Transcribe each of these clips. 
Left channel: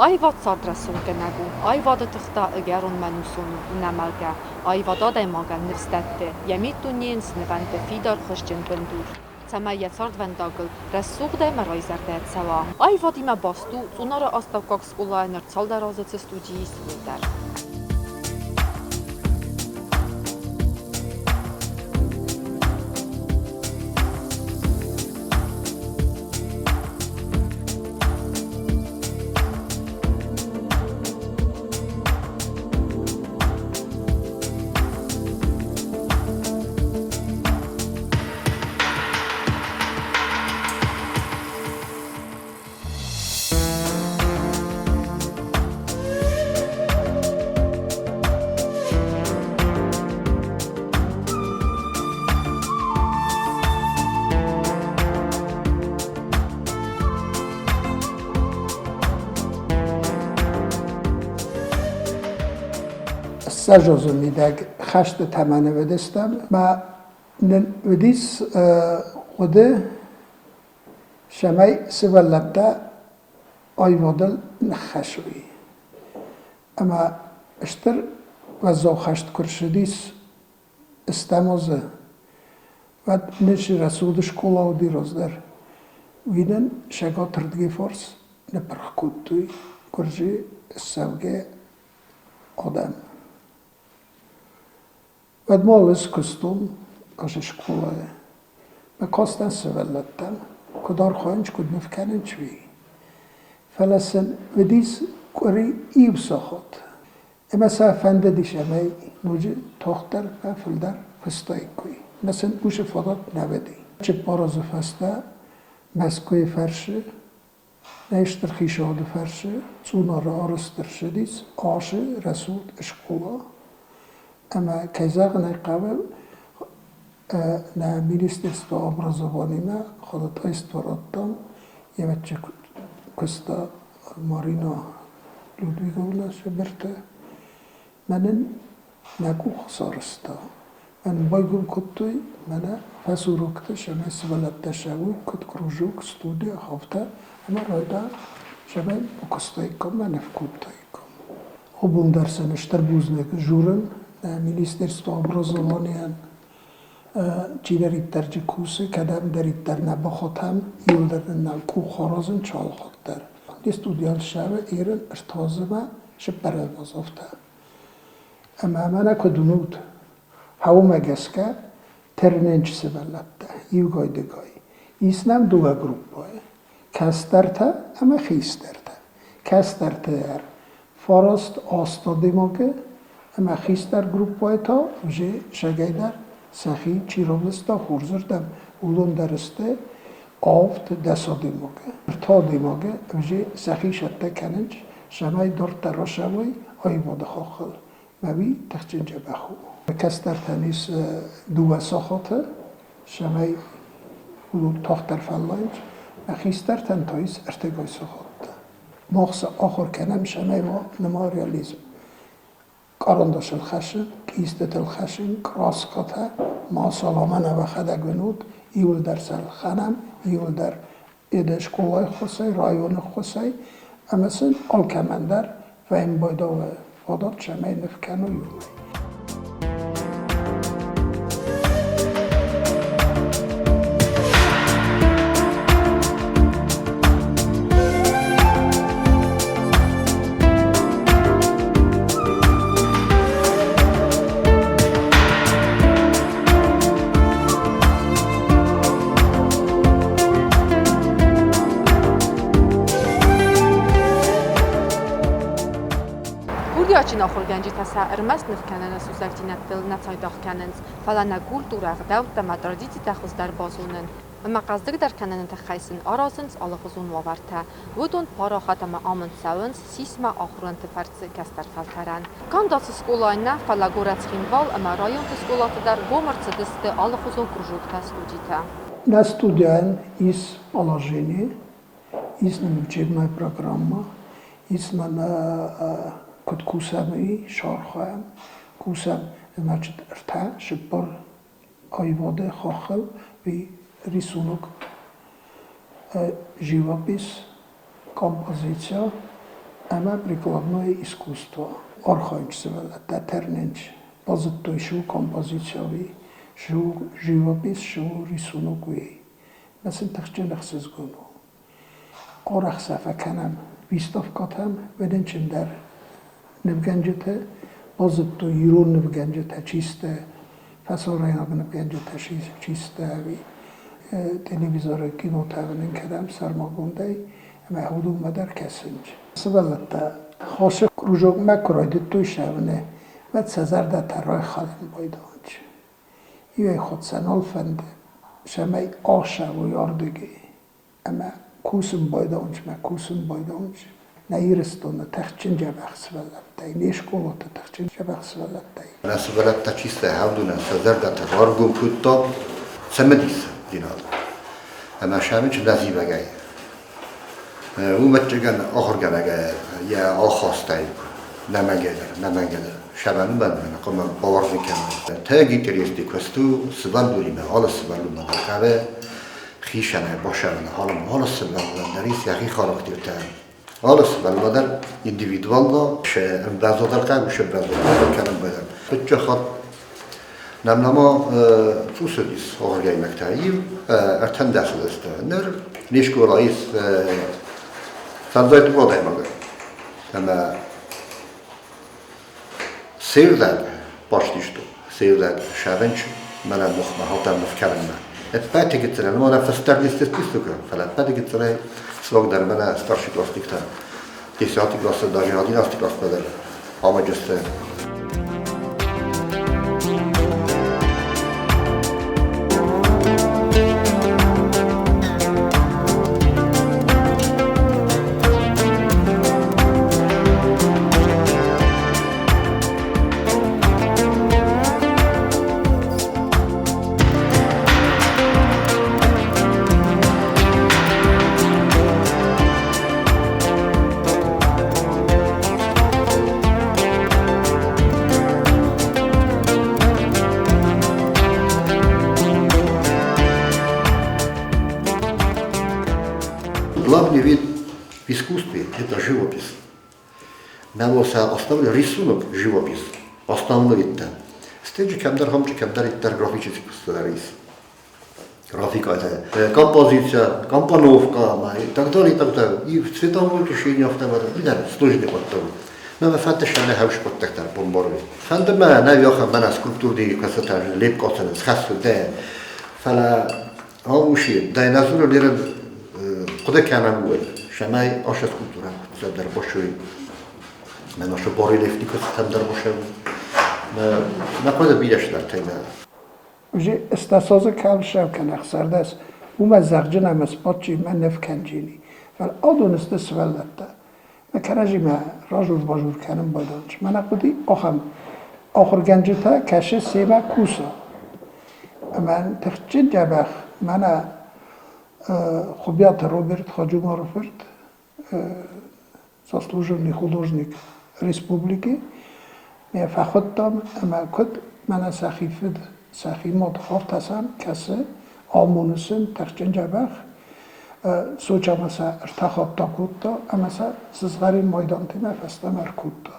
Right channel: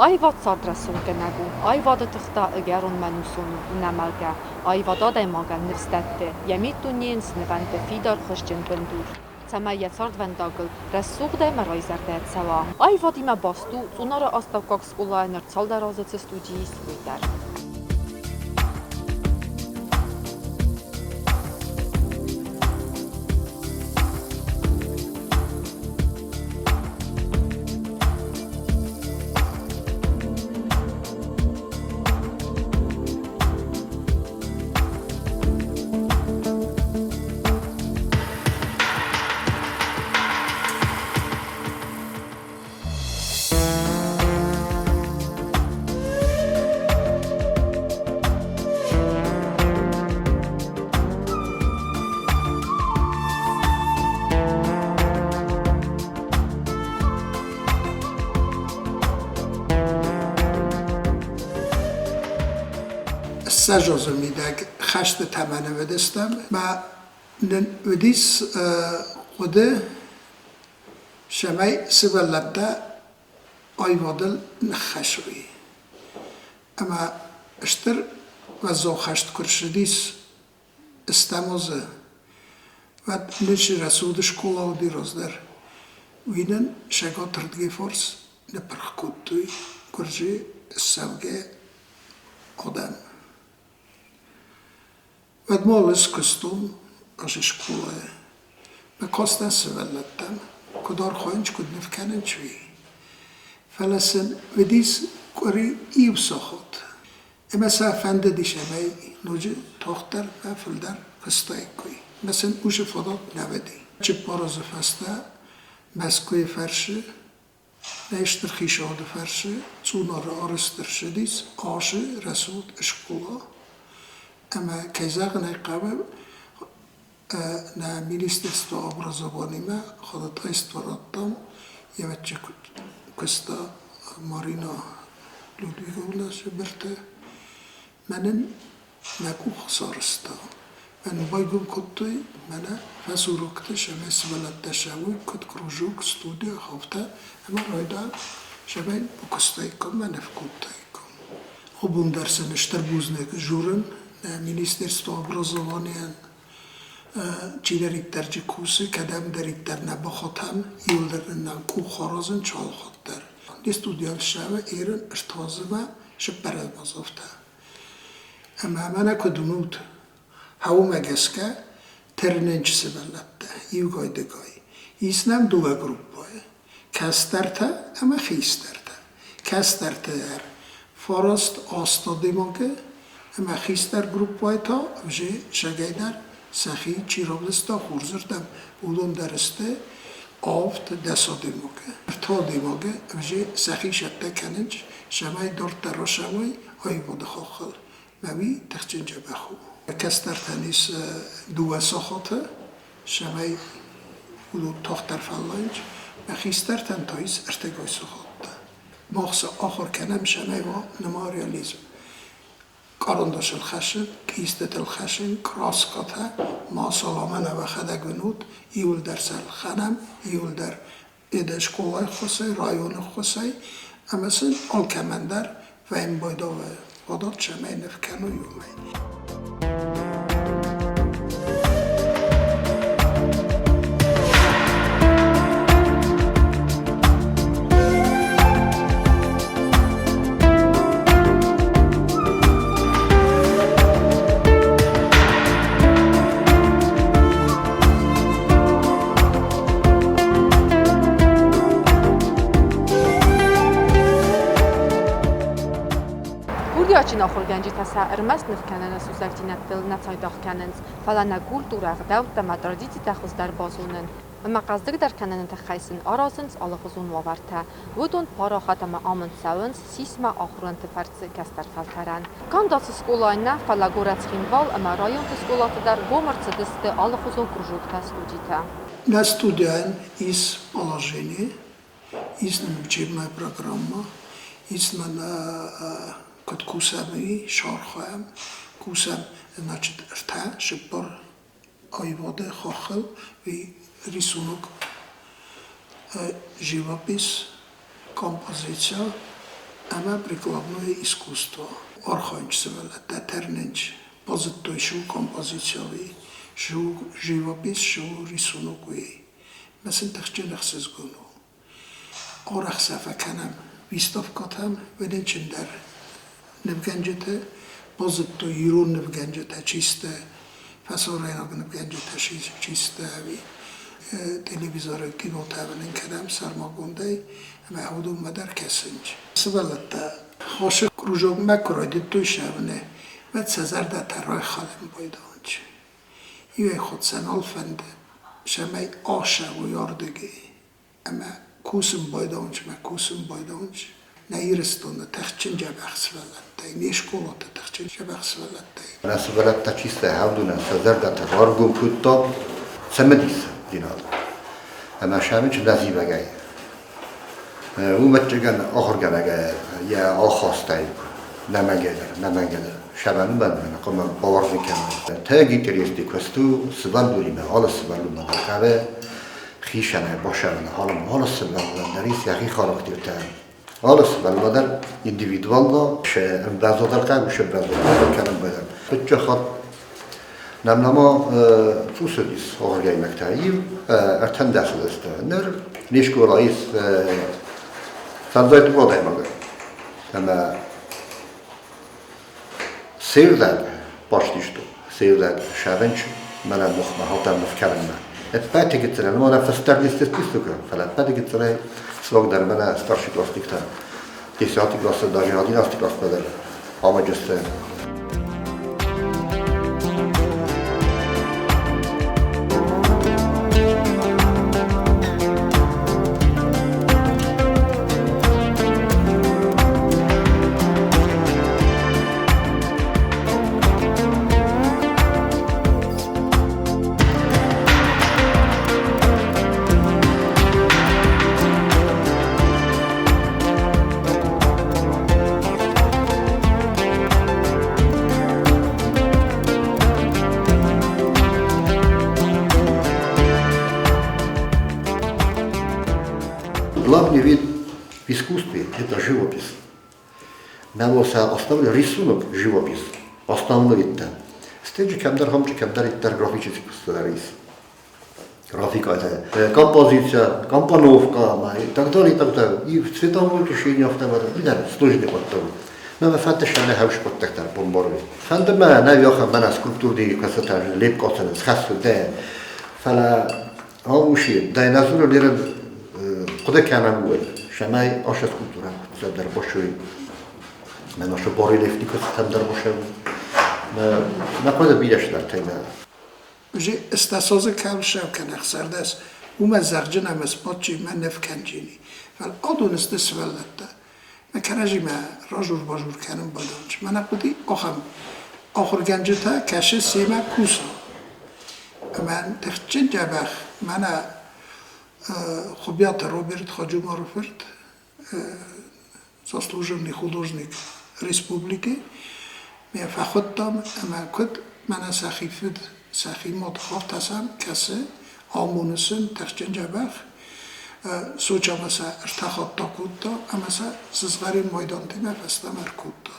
Aivvad sadrassunke nägu, Aivade tõhta õgerun mänusunu unemalge, Aivadade magan nivstette ja mitu niensne vände fidar хășgen gândur. Цама яцардвендагыл, рассугдай марайзарда цава. Aivadime bastu.Цъунары astavkaks ulainer caldarazıcı studi isvider. سجازو میدگ خشت تمنه ودستم و ودیس خود شمای سывăллăтты Aivadıl نخشوی اما اشتر و زو خشت کرشدیس استمازه و نشی رسودش کلا و دیرازدر وینن شگا تردگی فرس نپرخ کودتوی کرجی سوگه آدم Vad måles kustum aşış kulaya. Me kasten sывăллăттам. Kudar khanç kud nefkanen çvi. Felasen vedis kuri iv sahat. Mesela fende dişemey nuci tohter ve fıldar kıstay koy. Mesela bu şefadat nevedi. Çip parazı feste meskuy ferşi neştir xişadı ferşi Цъунары arıstır şedis aşı resud eşkula. Ama kayzağın qabe na Ministerstvo obrazovania xodat istvarattam yevçe kusta Marina Ludvigovna şeberte menin nagu xsarsta men baygum kuttu mena fasurukta şeme sывăллăтты şavu kut krujuk studia hafta ama rayda şeme bu kustaykom men fkutaykom obum dersen işterbuznek jurun Ministerstvo obrazovania çilerit tercih kursu kadem deritler ne bakhatam yılların ne kuharazın çalhattır. Studial şave Irın iştazıma şüphere bazafta. Ama bana kudumut havuma geske ternenç sывăллăтты yugaydıgay. İslam duva grupoy. Kasterte ama xisterte. Kasterte er farast astadimake اما خیستر گروپ تا وجه شگیدر سخی چیرابستا خورزردم اولون درسته آفت دسا دیموگه تا دیموگه وجه سخی شده کنج شمای دور تراشوی آیواده خاخل موی تخچنجه بخو کستر تنیس دو ساخاته شمای اولون تاختر فلانج و خیستر تن تاییس ارتگای ساخاته مخص آخر کنم شمای و نماریالیزم Karandaş el-xəşin, qistet el-xəşin, kraskata, ma salamana və xədəqvinut, iyul dərsəl xənəm, iyul dər edəş kolay xusay, rayonu xusay, əməsin al-kəməndər və imbayda və vadat çəməy nifkənu yumay. Çin axırgənci təsəirməz nifkənənə süzəkcinətdil nəçaydaqkənins, fələnə kulturaq dəvdəmə tradici təxüzdər bazunun, məqazdır dərkənənə təxəysin arazınc alıqızun vavartə, vudun para xətəmə amın səvins, sismə axırın tıfərci kəstər fəltərən. Kandası skolayna fəlagorəçxinval əmə rayon skolatıdər gomırçıdısты alıqızun krujukta studita. Na studian iz положение, iz учебная программа, iz Код кусами шархам, кусам, значит, рта, шипор, Aivады, хахал, и рисунок, живопис, композиция, Ama prikladное искусство, орхонч сывăллăтты, терненч, позиттой шу композициови, шу живопис, шу рисунокуи. Mesela tăxçenăx sezgunu. Orax safa kanam, vistavkatam, vedençim der nevgencete, позиттой юрун nevgencete, чисте, fasoraynak nevgencete, чисте, televizora kino tavının kadam sarmagunday, ama hudum madar kesinç. Sывăллăтты, hoşa krujog makroydit tuyşavne, ve sezarda terroy xalim boydanç. Yue xodsan olfende, şemay aşa و yardigi, ama kusum boydanç, نایرستونه تخچین جبخ سوالته، نیشکولات تخچین جبخ سوالته. من سوالته چیسته هودونه سازرده تغارگون کتا سمدیس دینال. اما شامیچ نزیب گای. او متجگن آخر گنگه یا آخاستای نمگه شبانو بندن قم باور میکنم. تاگی تریستی کستو سوال دوریم حال سوالو مدرکه خیشانه باشونه حال سوالو دریس یکی خاراکترته. حالا سوالمادر individualda ابرازادر کم میشه ابرازادر کنم باید. بچه خود نمنما فوسدیس آخرگای مکتایی ارتن دست است. نر نیشکو رئیس فضای تو دایم آگر. اما سیرداد باشتیشتو سیرداد شابنچ من مخمه هاتم مفکرم نه. بعد گذره ما نفستر لیست پیستو کنم. فلات بعد گذره Svog dar mene starší klasnik, 10. klase, даже 11. klase bedel, amađeste. Главный вид в искусстве – это живопись. Навоса основной рисунок – живопись. Основной вид там. Стеджи камдар хамчи камдар иттар графический кустарис. Графика это композиция, компоновка и так далее, и так далее. И в цветовом решении автомата. Видно, сложный подток. Но мы фантастично не хавш подтектар бомборы. Фантама на вёха мана скульптуры касатаж лепкосан с хасу да. Фала ауши да назур лирен خدا کنم بود شمای آش سکولتورم زد در باشوی من آش باری لفتی کستم در باشه نه خود بیدش در تیمه وجه استاساز کل شو کنخ سردست اومد زرجن هم اسپاد چی من نف کنجینی ولی آدون است سوالته من کرجی من راجور باجور کنم بادانچ من خودی آخر گنجتا کشه سیمه کوسا من تخچین جبخ من Хобят Роберт Хаджумароферт, заслуженный художник республики, меня фахоттам, ама код мана сахимот хафтасам касе амунусун тахчен жабах сочамаса артахотта кутта амаса сызгарин майдантима фастамар кутта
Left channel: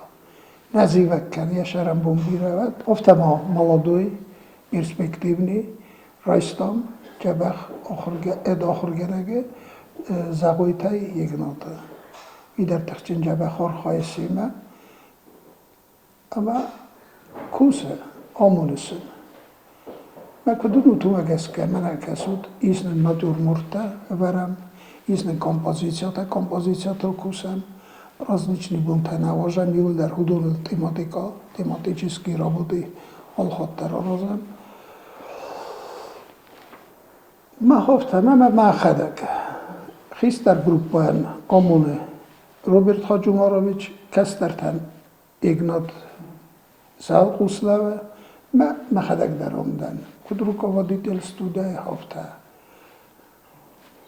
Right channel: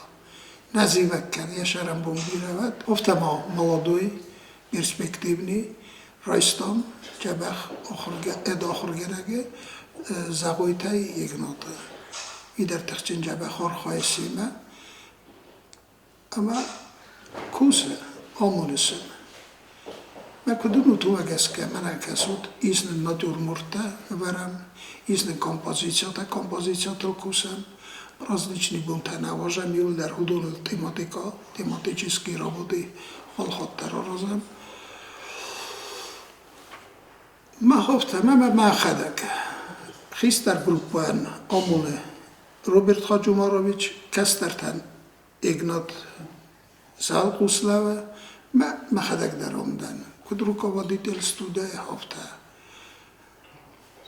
називаккан яшарам бомбирават офтама молодой перспективный رایستم جبخ آخر گرگه زغویتای یک ناته ای در تخچین جبخ آر خواهیسیمه اما کوسه آمونسن من کدوم تو اگس که من اکسود ایسن نادور مرته ورم ایسن کمپوزیسیات کوسم различные бунты навожам юл در حدود тематические работы холхоттар розам ما خفتم ما خدک خیستر گروپان آمونه روبرت خاجومارویچ کسترتن ایگنات سال قسلاوه ما خدک در آمدن کدروکا و دیتل استودای هفته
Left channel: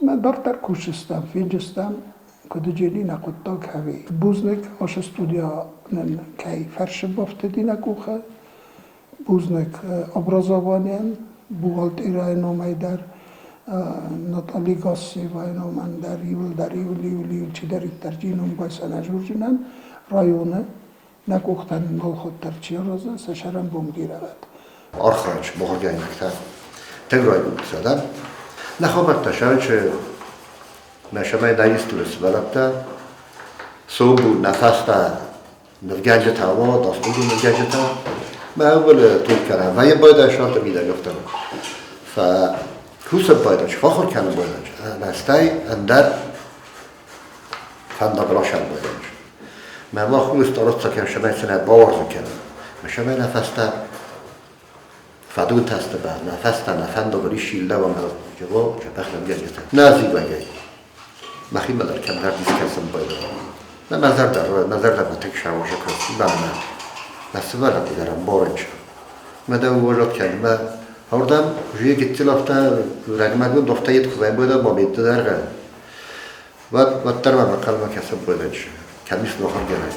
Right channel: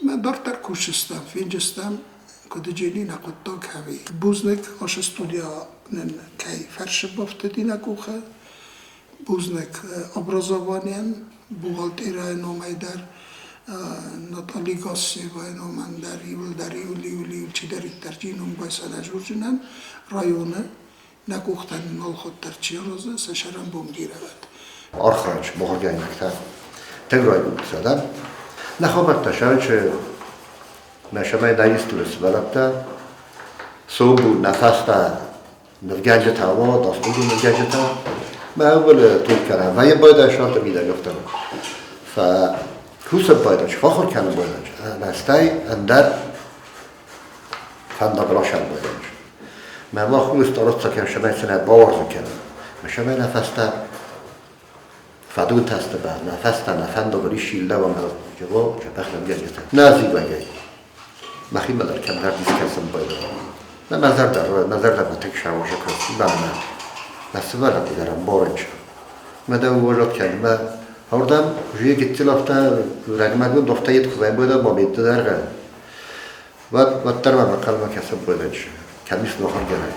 ما دارتر کوشستم فینجستم کدجینی نقطه کهوی بوزنک آش استودیا نن کی فرش بافته دینا کوخه بوزنک ابرازوانیان بوغالتیرای نومی در ناتالی گاسی و اینا من در یولی چی در ترجینون بایسان اجورجنن رایونه نکوختن نال خود در چی روزه سشرم بومگیره بد آرخانچ بخورگاهی نکتر تگرای بود زدم نخوابت تشاید چه نشمای دایستور سبالبتا صوبو نفستا نفگنج تاوا داستو نفگنج تا ما اول طول کردم و یه باید اشارت میده گفتم فکوسب بایدش فاخر کنم بایدش نستای اندر فندقلاشم بایدش ما با خوب استارت ساکن شمای سنه باور کنم شمای نفستا فدون تست بعد نفستا نفندقلی شیلده و مرد جواب جبخلم گنجتا نازی بایدش مخیم بدر کم در دیسکسم بایدش نظر در بطک شواشه کنم نه سوالتی دارم بارنج مدام وجود کلمه هردم جوی گیتی لفته رقمگو دفته یت خوبه بوده با میده درگه و ترمه مقالمه کسب بوده کمیس نخور گره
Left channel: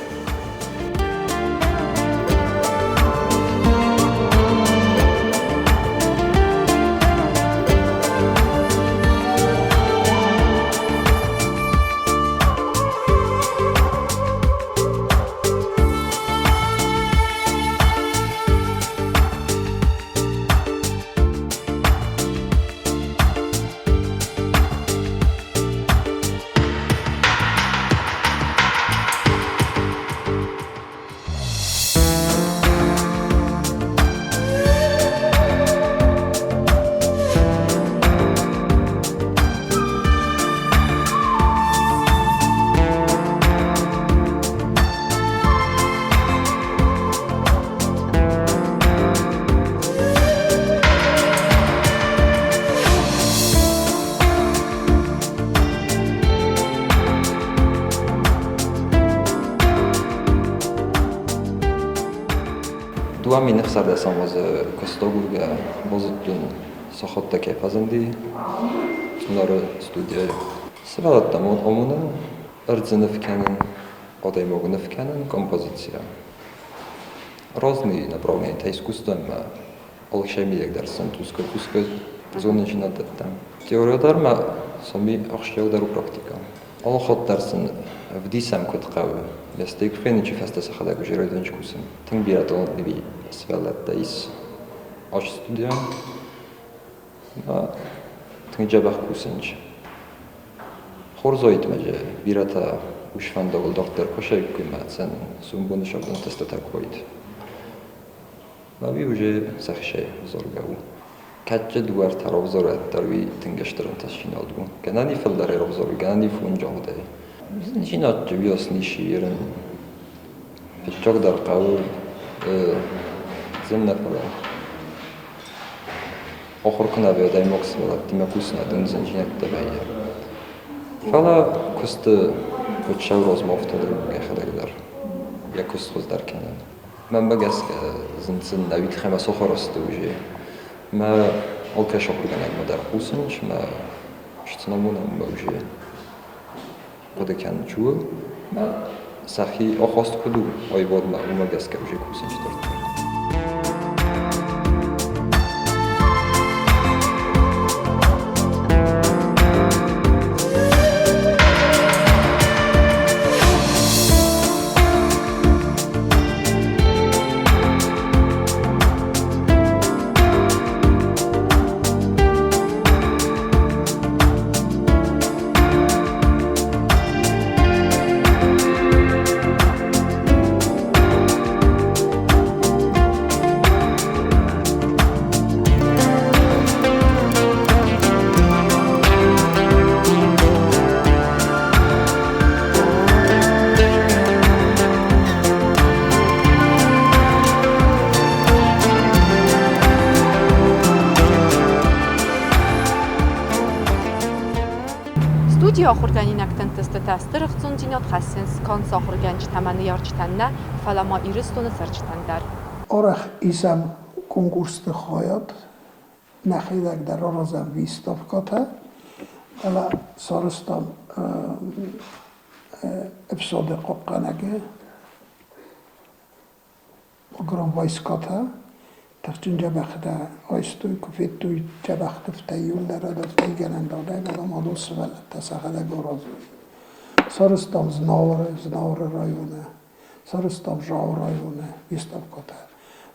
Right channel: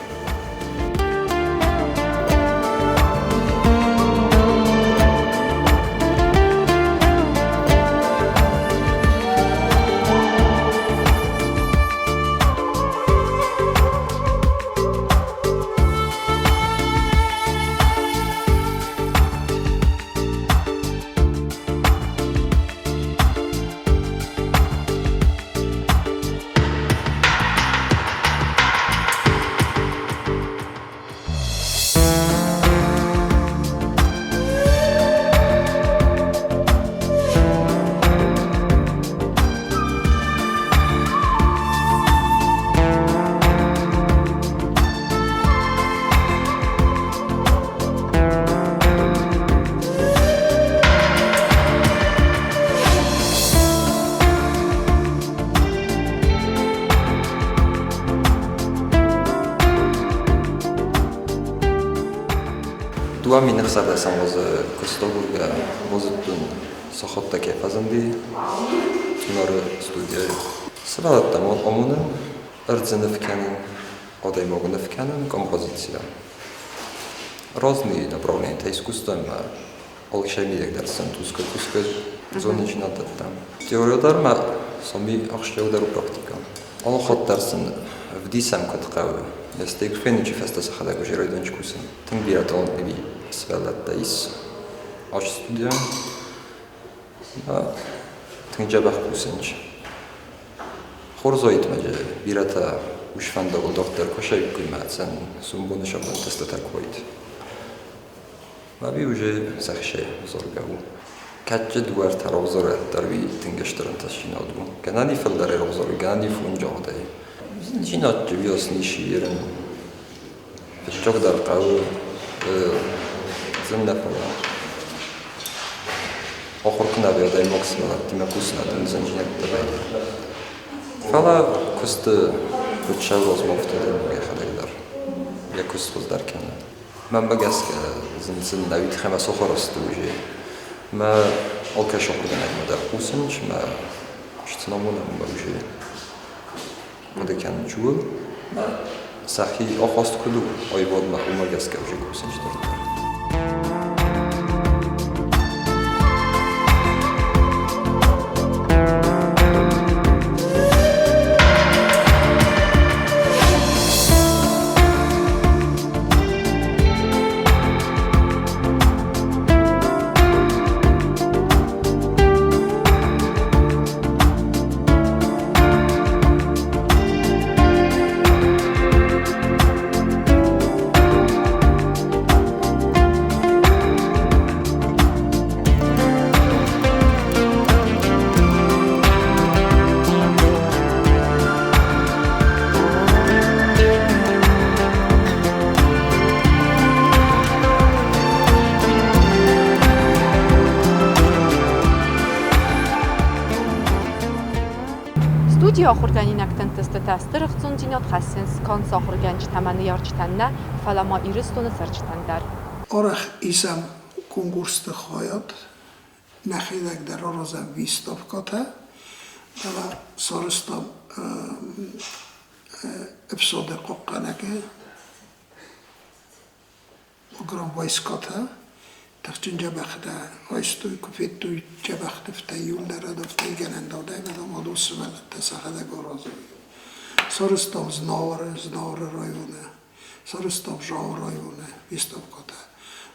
دوامین افسرده‌سان باز کستاغورگا بازدون ساخته که پزندی ناره студия сывăллăтты модомуны ырцынывкянын одаймогынывкянын композиция разные направления искусства алшамилегдерсен тускы зоночнататтан теориядарма сами ахшылдару практика алхаттарсын в дисам кытқавы Ястек феничи феста сахадаг жирайданч кусин. Тим биратол деби сывăллăтты ис аш студия. Тим жабах кусинч. Хорзоит маже бирата ушфандал доктор кошай кульмацен сумбуны шабан теста такойт. Маби уже захше зоргау. Качче дуар таравзора тарви тингештерн ташинадму. Ганани фалдаре равзори ганани фунжода. Начинать весны ширен, чок даркавы, земляпала. Охоркна вердай моксала, тима кусна дын занжинет табайде. Фала кусты учшагоз мофты бехадагдар. Я кусты даркен. Мен багаска зинцин давид хема сохаросту уже. Ма олкашок генагдар кусинч, ма штнамуна мужи. Буде кян чув, сахи охост куду, Аивады умагаске уже кусинчтер. Студия охорганинактан тестатастыр 10.10.2019 конс охорганч таманы ярчтанна фалама иристоны сарчтандар. Орах исам конкурсты хаят нахилак дар оразам виставката ала сарыстам эпизоды қоққанаге огром вайската تخچین جبخته آیستوی کفیتوی جبخته فتیول در دفته گرنده ده مدام آدو سوالت سخده گرازوی سارستاv znavre rajone, sarastav žao rajone, výstavkata.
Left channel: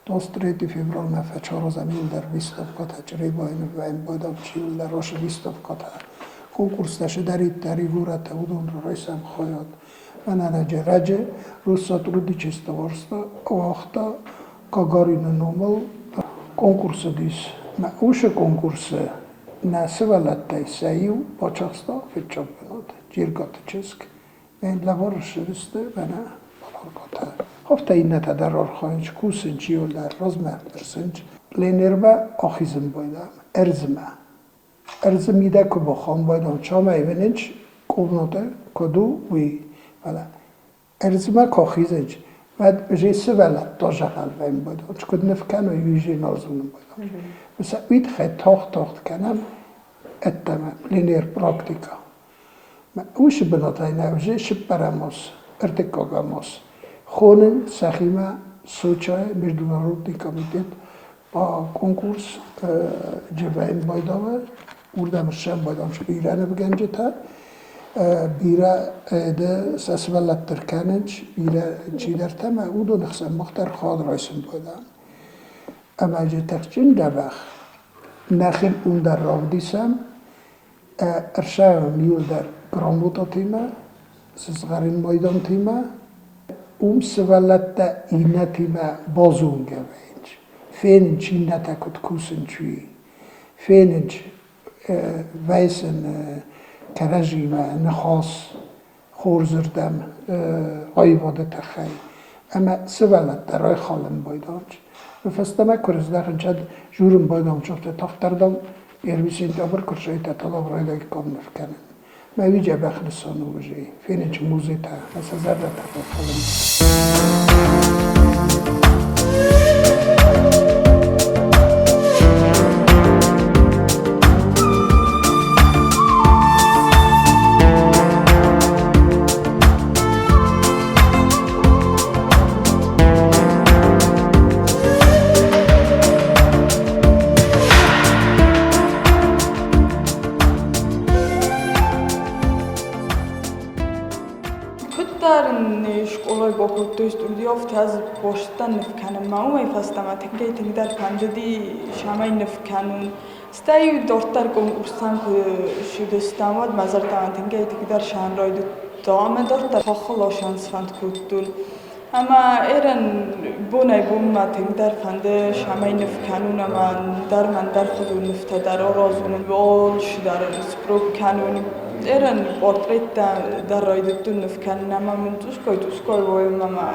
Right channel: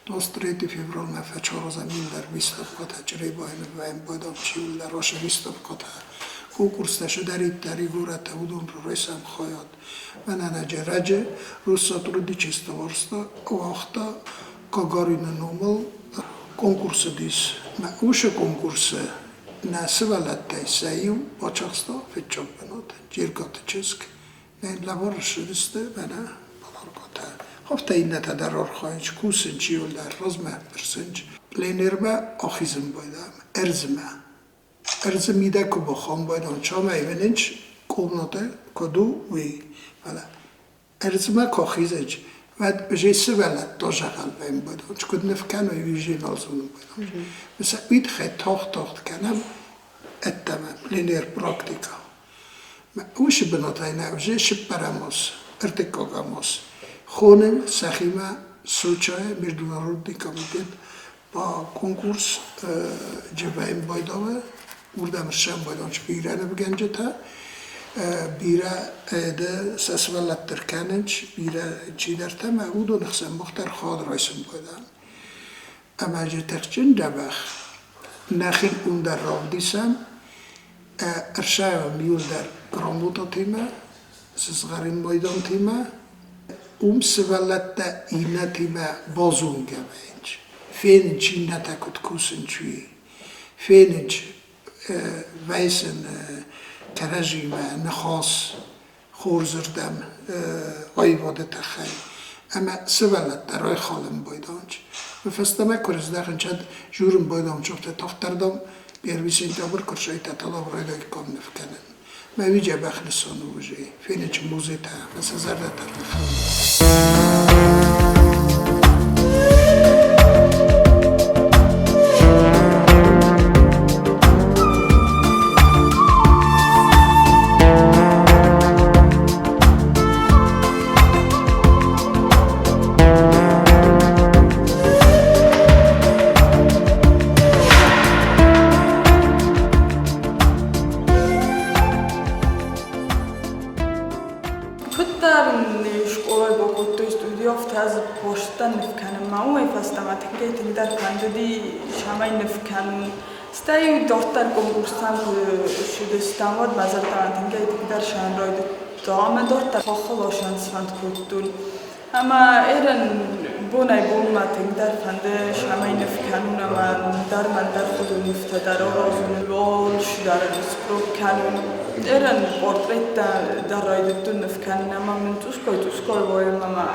23. február me fečaroza minden výstavkata, cserébajme vem bajdam csiulle, rosa výstavkata. Konkursztása deritte rigurata udonra rajszám hajat. Menene gyeregye, rosszat rudicsista varszta, ahta, kagarina nomal, konkurszadis. Me úse konkursze, ne sывălлătты sejju, pacsaksta, fitcsapbenot. Gyirgat česk, én levarosodiste, benne balargata. Hafta innete der archajncs, kuszincs jólder, razmerderszyncs. Lénérbe achizm bajdám, erzme. Erzm ide kuba khan bajdám, csama évenincs, kóvnote, kodó, új, vele. Erzme kachizincs, ved bzsé sывălлătты zsakál bajdám bajdám, cskud nefken, hogy vizsén alzulom bajdám. Mesela üdhe taht kenem, ettemem, linér praktika. وش بناتای نوزه شپرماس ارتکاگاماس خونم سخیمه سوچای میردونارودی کمیتیت با کنکورس جوایم بایداوه اردم شم بایدانش بیرانه بگنجه تا بیره ده سسولت کننج بیره چی در تم اودو نخسم مختر خاد رایسم بایدان اما جه تخچین دبخ نخل اون در راه دیسم ارشایم میول در Gramota time, sızgarın maydan time, sывălлătты ina time bazun gebenç. Fenç inne takut kusun çuyi. Fenç veysen kerejime nexas xorzırdam Aivады taxay. Ama sывălлătты ray xalım baydanç. Festeme kurizdaxın çad jurun baydan çok da taxtardam pervisin tabur kurşayta talab raydak kam nefkenen. ما ویجا بخلصانو وجه فینچ موزیتا مثل زرده ترخیم Stai dortar konkurstan Şudistan'da mazaldan tengay tekrar şanroydu. Dağma dortar fakhala şansfand kurdun. Ama eren bunay bunma tekrar fande şamay nefkanun ama darman dar kudu nefta rozun lol şudaran sprov kanun. Eren portretta darroydu nefkanun ama tuskoy boyum ama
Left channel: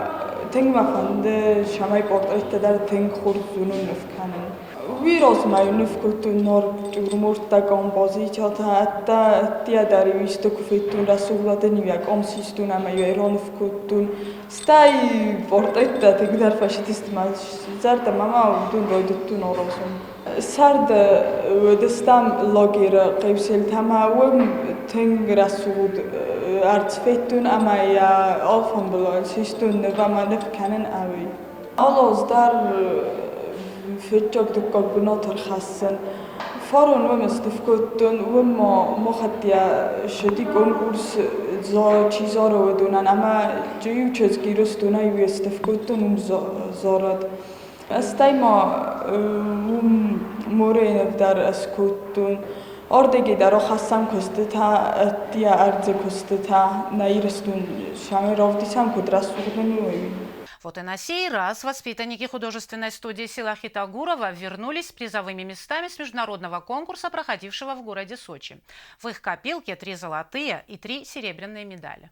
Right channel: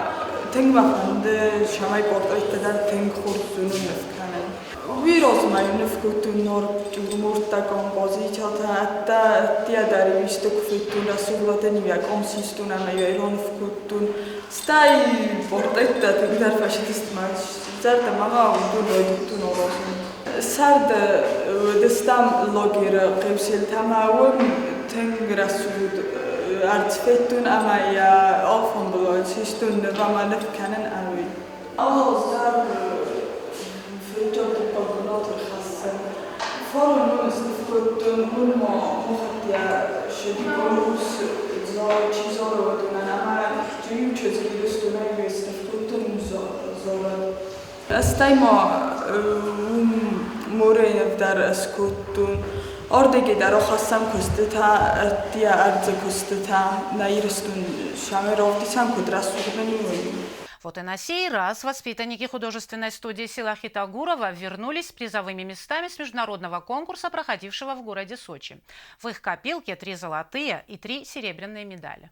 tengma fande şamay portretta dar teng kurdunun nefkanun. ویروز مایونف کتو مرتا کامپوزیچا تا اتا تیا داری میشته کفتو رسولات نیمه کامسیستو نمیای رانف کتو ستای پورترت تقدر فاشیست ماش زرد ماما دو لودتو نوراسون سرد دستم لاگر قبسل تماون تنگ رسول ارتفتون اما یا آفهم بلاد ششتون نبامانف کنن اوی آلاز در فيتشوب الكمبيوتر خاصة فارون ونستفكتون ونما مخديا شدي كونكورس زارا چیزارو ودونن اما جيو چزگیرستونا يستفكتون زارد استایما مورين در اسكتون اردگی در خاصم کستتا تیا ارز کستتا نایرستون شامي رافتیسم کدرستون Вот и на сей раз воспитанники художественной студии села Хитагурова вернулись с призовыми местами с международного конкурса, проходившего в городе Сочи. В их копилке 3 золотые и 3 серебряные медали.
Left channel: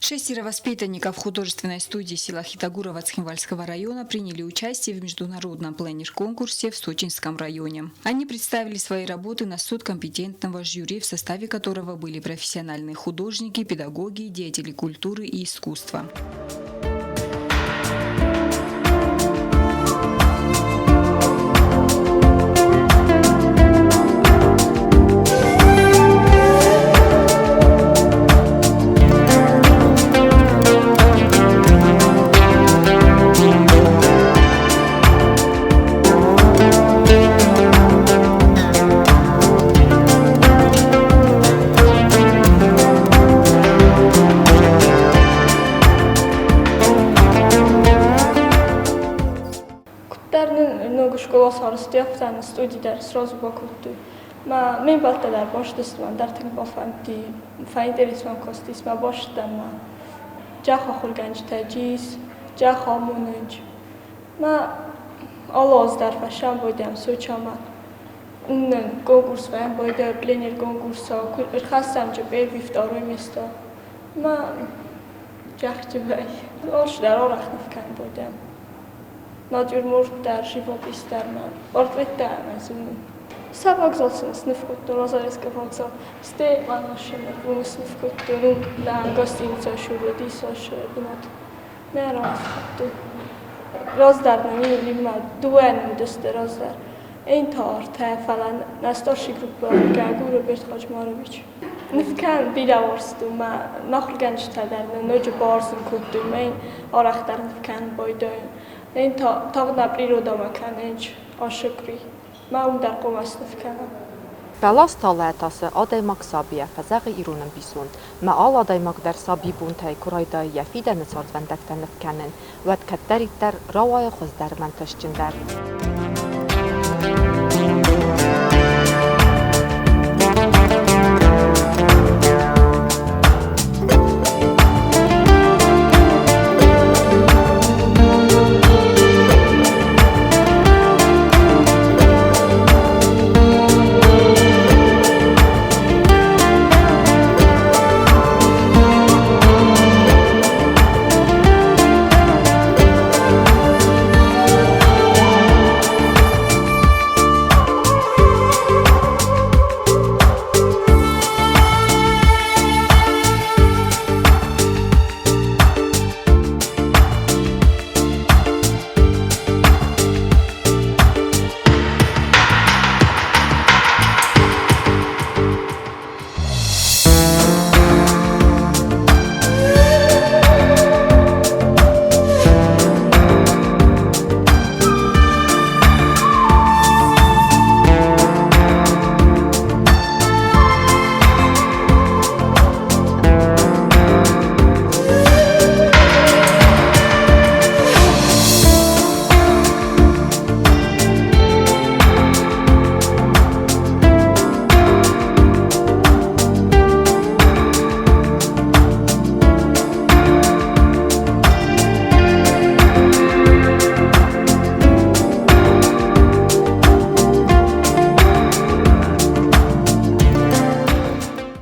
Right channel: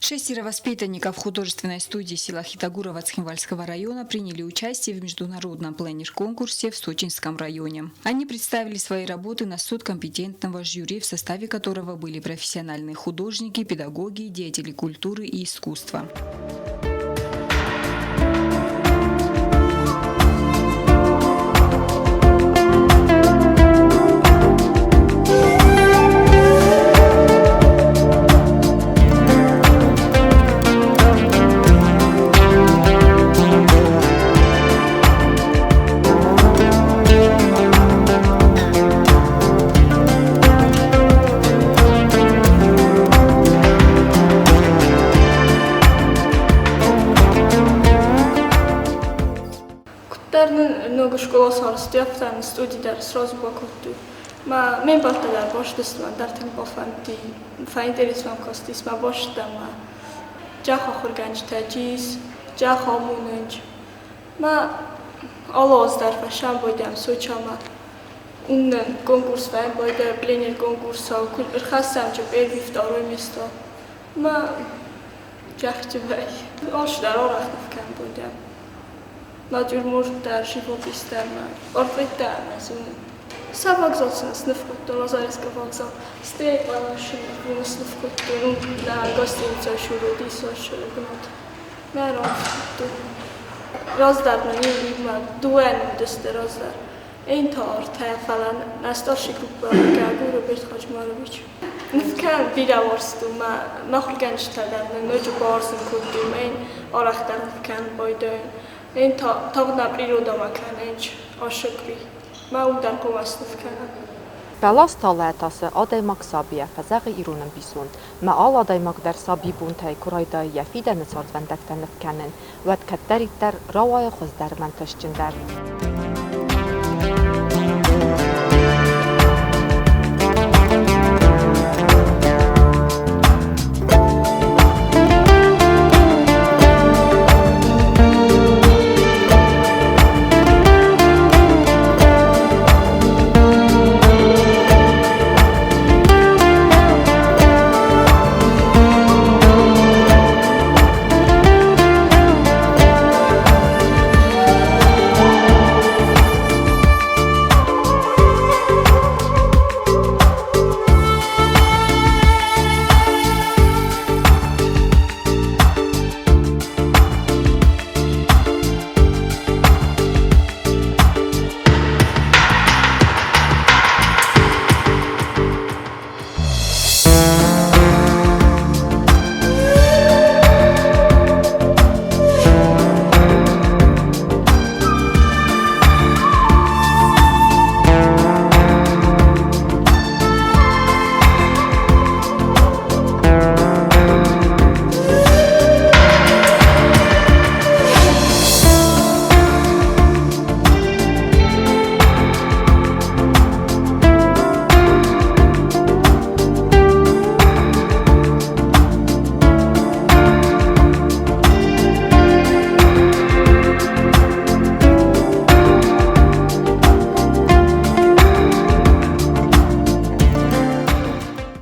6 воспитанников художественной студии села Хитагурова Цхинвальского района приняли участие в международном пленер-конкурсе в Сочинском районе. Они представили свои работы на суд компетентного жюри, в составе которого были профессиональные художники, педагоги, деятели культуры и искусства. студи сразу покупаю. Мне балтадар боштестван, дартин пофанти, файндерисван костисма боштама. Джаха хурганч таджис, джаха мунанч. Алоздар фашам будем сучама. Уннан конкурс вен буде, пленер конкурса, куль хасам че первый, второе место. Джахчевай. Олшдар орахнов кан будем. Натюрморт дар, живопис дар, портрет дар, Савокзалцын сынып куттун, зарисовки вокзал. Сте машина, bunu sınıf kuttunun na gostinca şurada soşuyor bunot. Meron tu rozdarna ne ima duen deste rozdar. Ein tar te falan na starszy grupa gaguru bet Hacmarovic. Nifkan bilavorstu ma khulganch tadarna noju barsın kuttum ein araqtar kan boydoyn. Ein tağna priroda makan enç aşıkri. Բալաս տալայտասը ադայմակ սաբիա ֆազաղի իրունն բիսուն մա ալ ադայմակ դար սաբի բունթայ կուրայդայ яфիդա նցածվան դակտանып կանեն վատ կատտարիտար ռավայ խոզդար մանտաշճնդար